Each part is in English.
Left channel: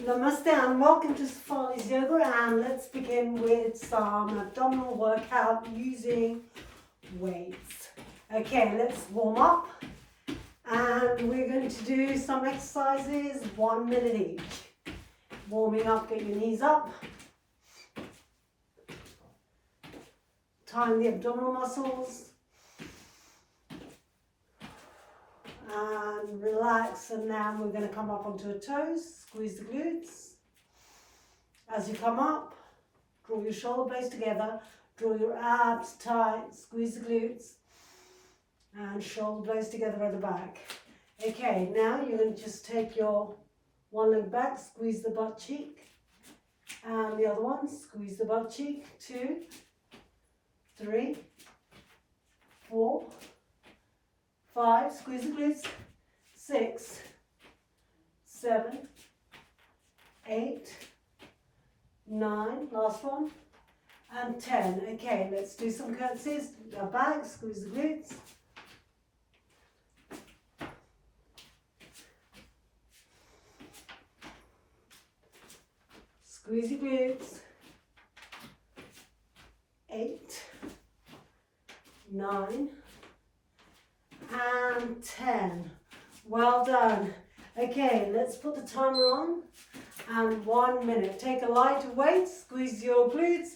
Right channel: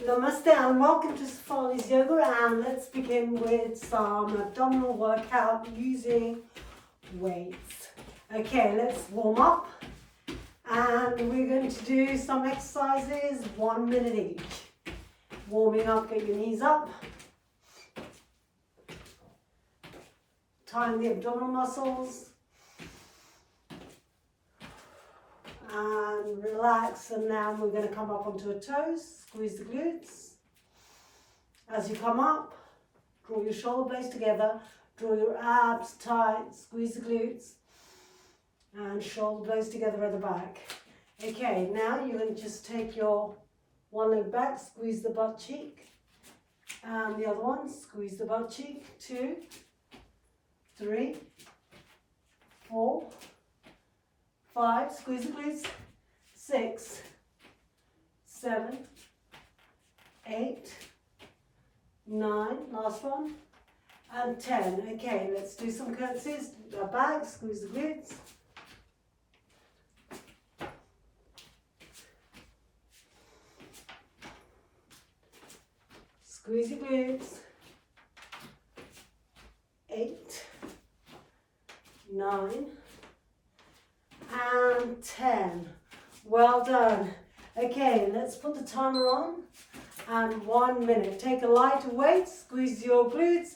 Namaste and welcome to Sefali's Yoga, and let's begin with some abdominal workout using weights. Okay, let's warm up and we're going to do some exercises, 1 minute each. Warming up, get your knees up. Time the abdominal muscles. And relax, and now we're going to come up onto a toes, squeeze the glutes. As you come up, draw your shoulder blades together, draw your abs tight, squeeze the glutes, and shoulder blades together at the back. Okay, now you're going to just take your one leg back, squeeze the butt cheek, and the other one, squeeze the butt cheek, 2, 3, 4, 5, squeeze the glutes, 6, 7, 8, 9, last one, and 10. Okay, let's do some curtsies. Back, squeeze the glutes. Squeeze your glutes. 8, 9, and 10. Well done. Okay, let's put the timer on and 1 minute. Take a lighter weight, squeeze your glutes,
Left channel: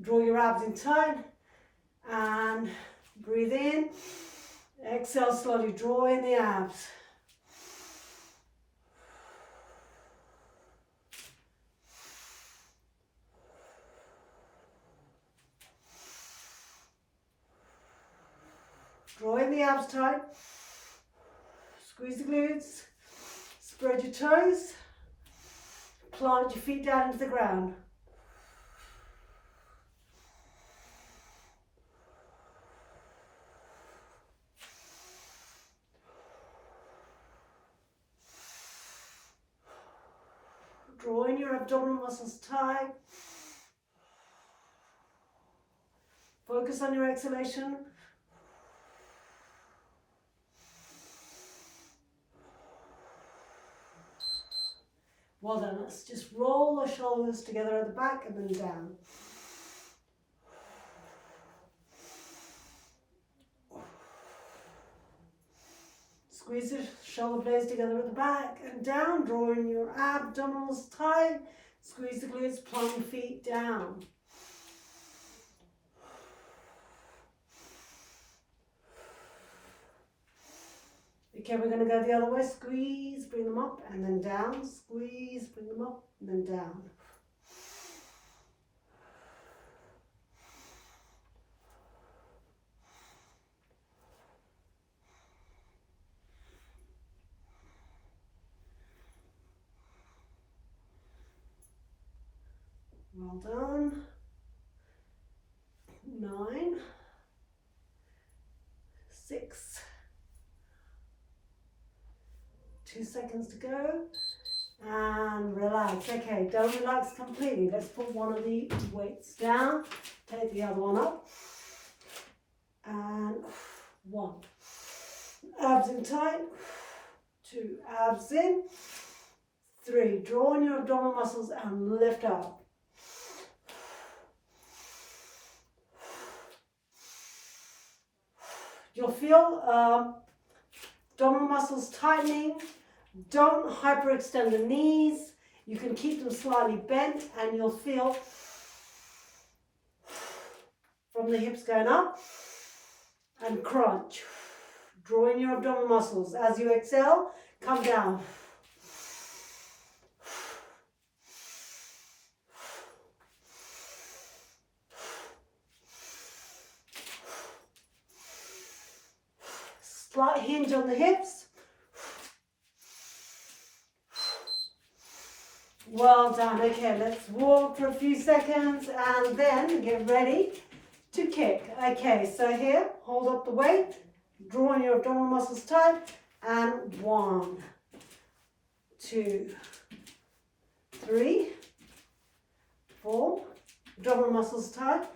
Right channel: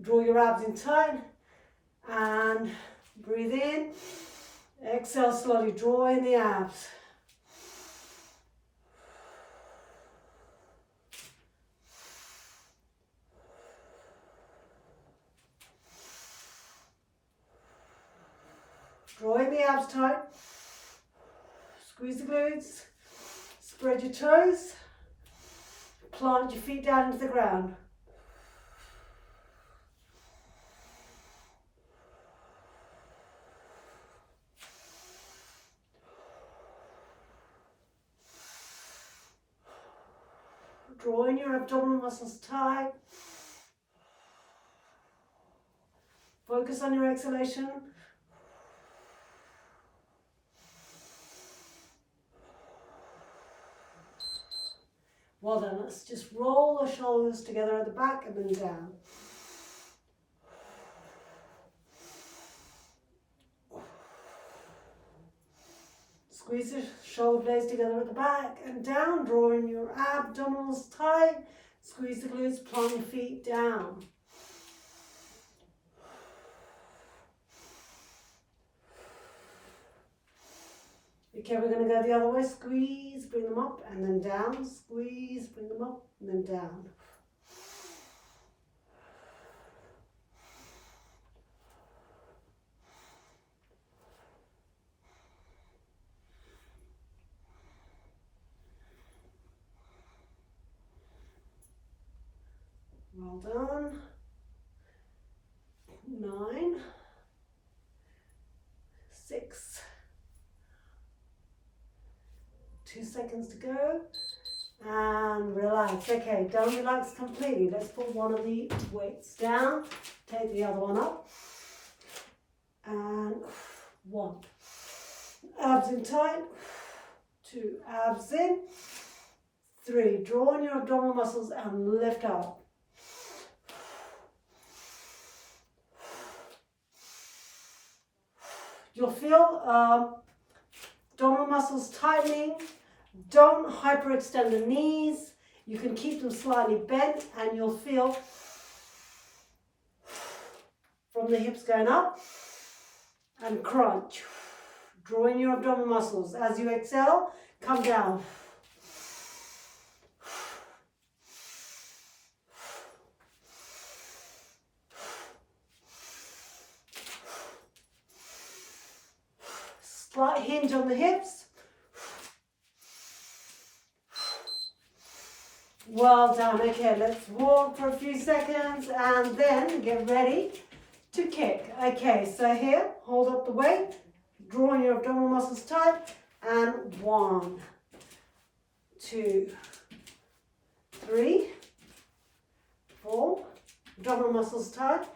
draw your abs in tight and breathe in. Exhale slowly, draw in the abs. Draw in the abs tight, squeeze the glutes, spread your toes, plant your feet down into the ground. Draw in your abdominal muscles tight. Focus on your exhalation. Well done. Let's just roll the shoulders together at the back and then down. Squeeze the shoulder blades together at the back and down, drawing your abdominals tight. Squeeze the glutes, plant your feet down. Okay, we're going to go the other way. Squeeze, bring them up and then down. Squeeze, bring them up and then down. Well done. 9, 6, 2 seconds to go, and relax. Okay, don't relax completely. Let's put one of the weights down, take the other one up, and 1. Abs in tight, 2, abs in, 3, draw in your abdominal muscles and lift up. You'll feel abdominal muscles tightening. Don't hyperextend the knees. You can keep them slightly bent and you'll feel from the hips going up and crunch. Draw in your abdominal muscles. As you exhale, come down. Slight hinge on the hips. Well done. Okay, let's walk for a few seconds and then get ready to kick. Okay, so here, hold up the weight, draw in your abdominal muscles tight, and 1, 2, 3, 4, abdominal muscles tight.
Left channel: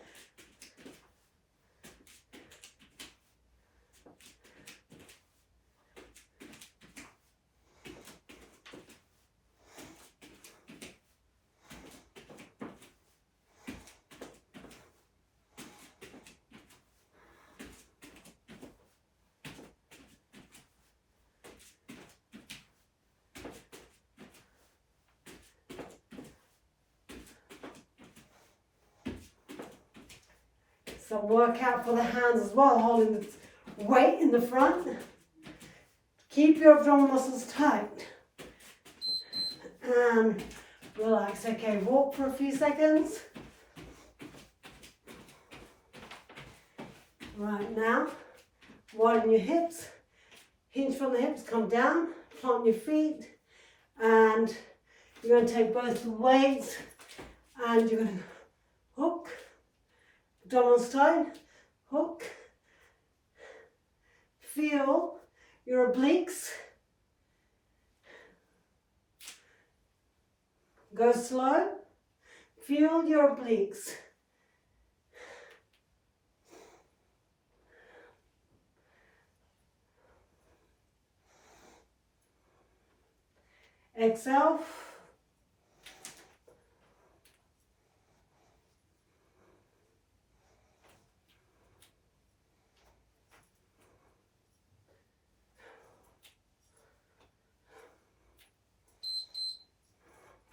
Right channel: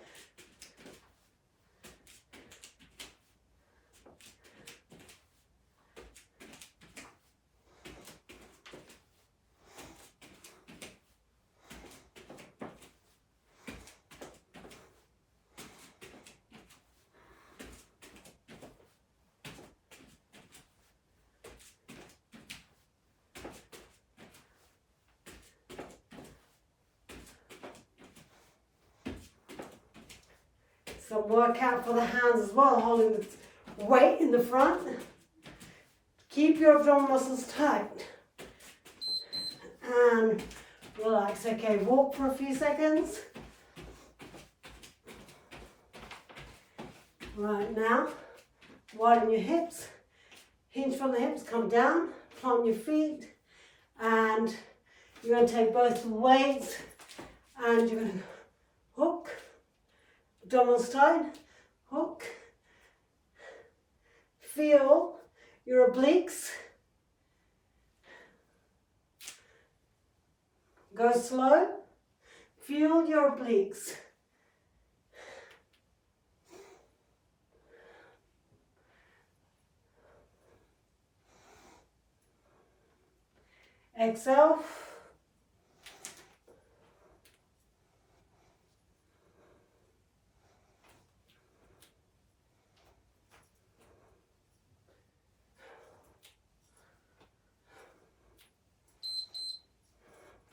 Some workout for the hands as well, holding the weight in the front. Keep your abdominal muscles tight. And relax. Okay, walk for a few seconds. Right now, widen your hips. Hinge from the hips, come down, plant your feet. And you're going to take both weights and you're going to hook. Abdominals tight, hook. Feel your obliques. Go slow. Feel your obliques. Exhale.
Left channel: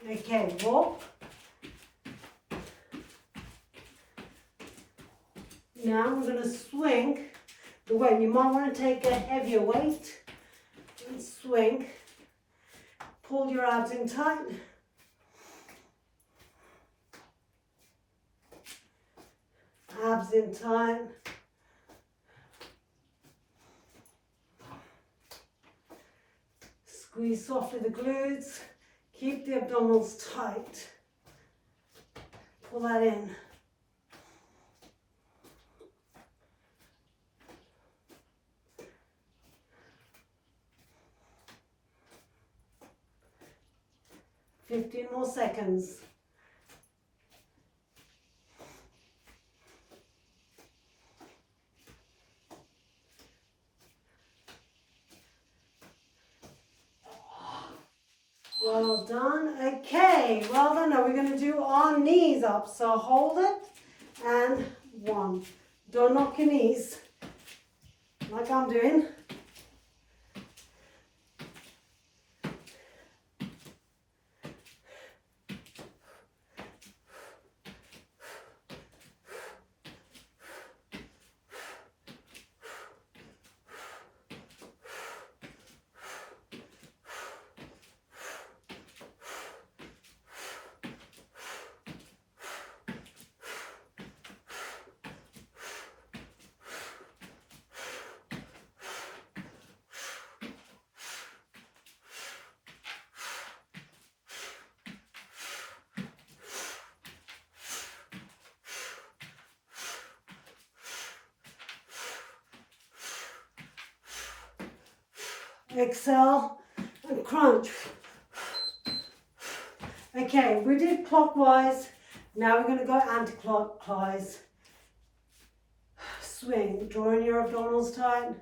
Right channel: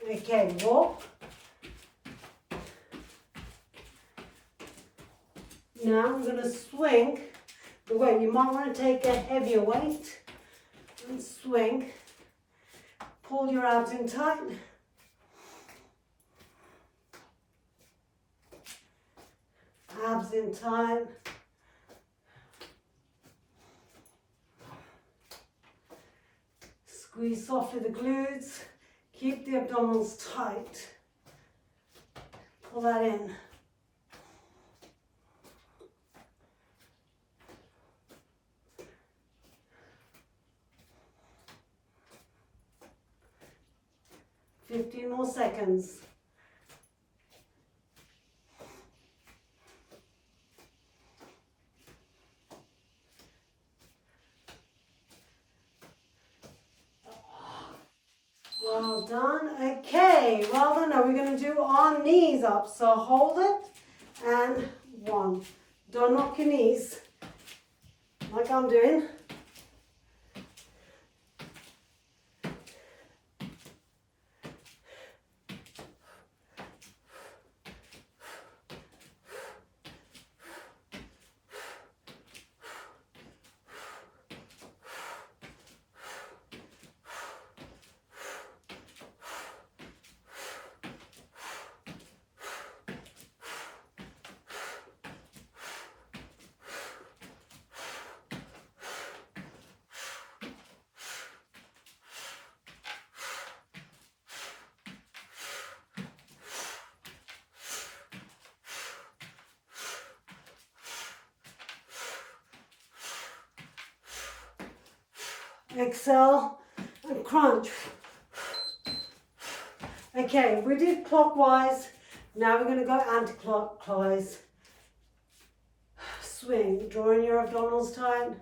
Okay, walk. Now I'm going to swing the weight. You might want to take a heavier weight and swing. Pull your abs in tight. Abs in tight. Squeeze softly the glutes. Keep the abdominals tight. Pull that in. Fifteen more seconds. Well done. Okay, well done. Now we're going to do our knees up. So hold it and one. Don't knock your knees like I'm doing. Exhale and crunch. Okay, we did clockwise. Now we're going to go anti-clockwise. Swing, drawing your abdominals tight.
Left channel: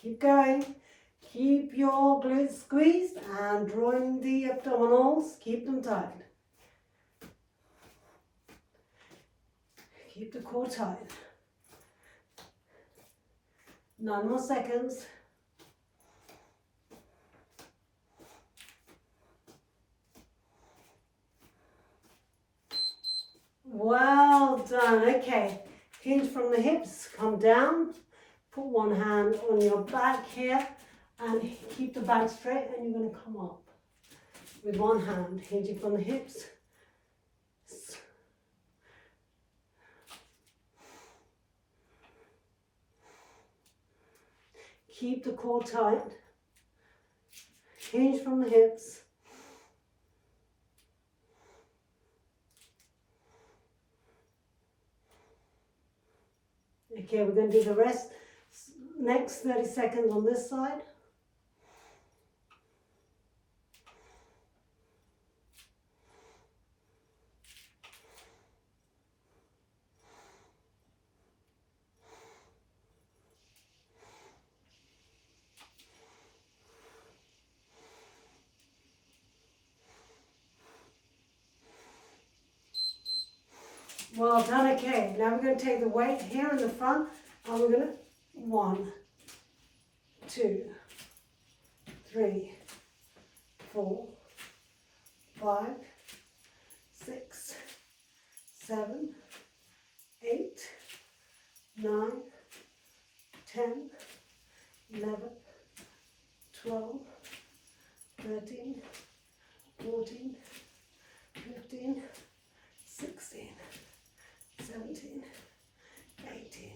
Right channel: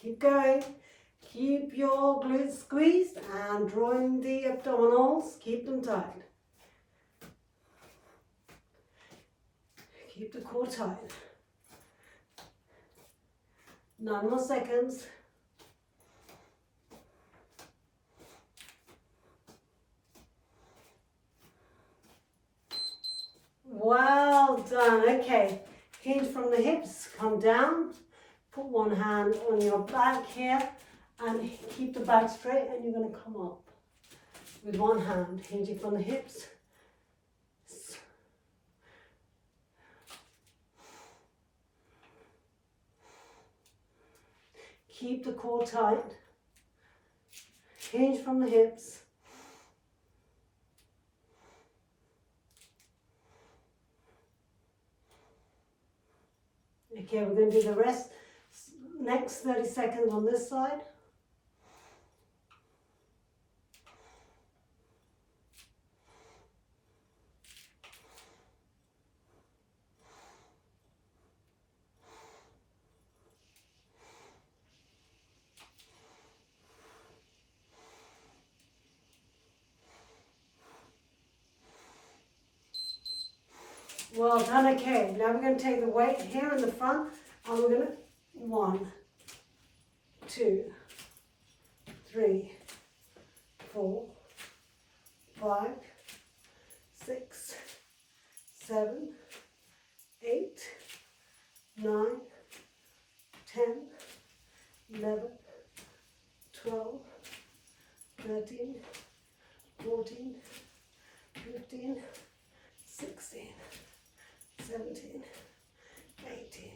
Keep going. Keep your glutes squeezed and drawing the abdominals. Keep them tight. Keep the core tight. 9 more seconds. Well done. Okay. Hinge from the hips. Come down. Put one hand on your back here and keep the back straight, and you're going to come up with one hand, hinging from the hips. Keep the core tight. Hinge from the hips. Okay, we're going to do the rest. Next 30 seconds on this side. Well done. Okay, now we're going to take the weight here in the front and we're going to 1, 2, 3, 4, 5, 6, 7, 8, 9, 10, 11, 12, 13, 14, 15, 16, 17, 18,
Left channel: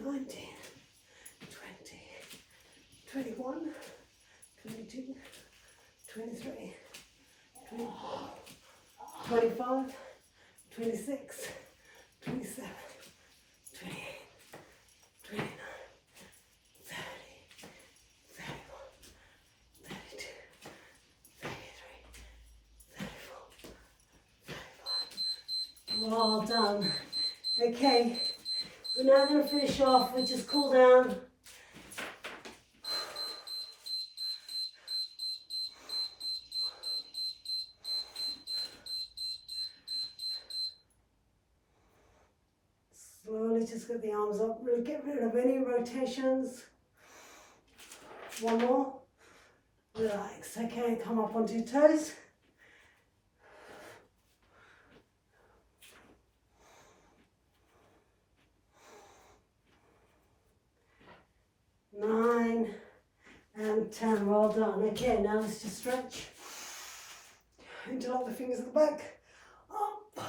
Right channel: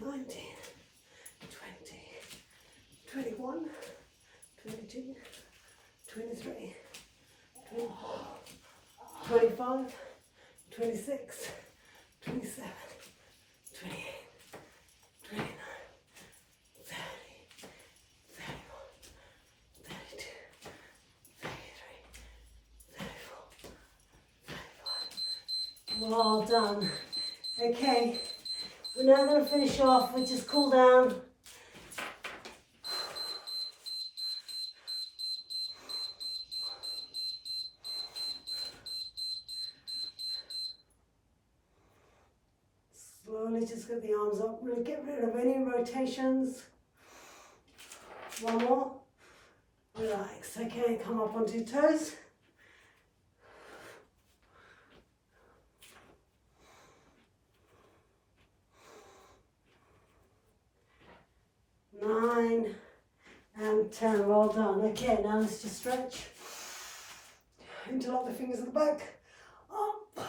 19, 20, 21, 22, 23, 24, 25, 26, 27, 28, 29, 30, 31, 32, 33, 34, 35. Well done. Okay, we're now going to finish off with just cool down. Slowly just get the arms up, really get rid of any rotations. One more. Relax. Okay, come up onto your toes. Nine and 10. Well done. Okay, now let's just stretch. Interlock the fingers at the back. Up.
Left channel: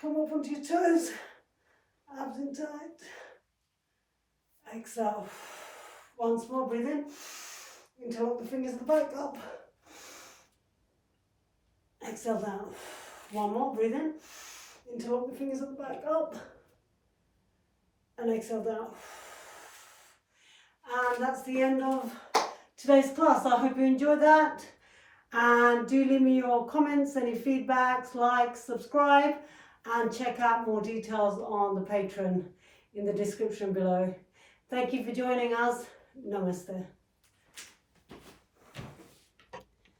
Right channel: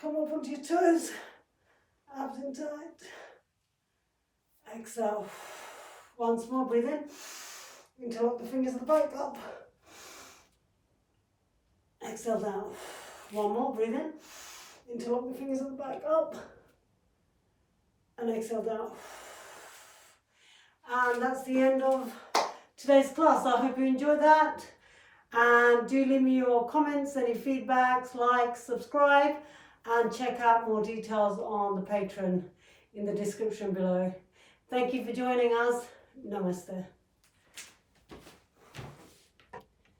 Come up onto your toes. Abs in tight. Exhale. Once more, breathe in. Interlock the fingers at the back, up. Exhale down. One more, breathe in. Interlock the fingers at the back, up. And exhale down. And that's the end of today's class. I hope you enjoyed that. And do leave me your comments, any feedbacks, likes, subscribe, and check out more details on the Patreon in the description below. Thank you for joining us. Namaste.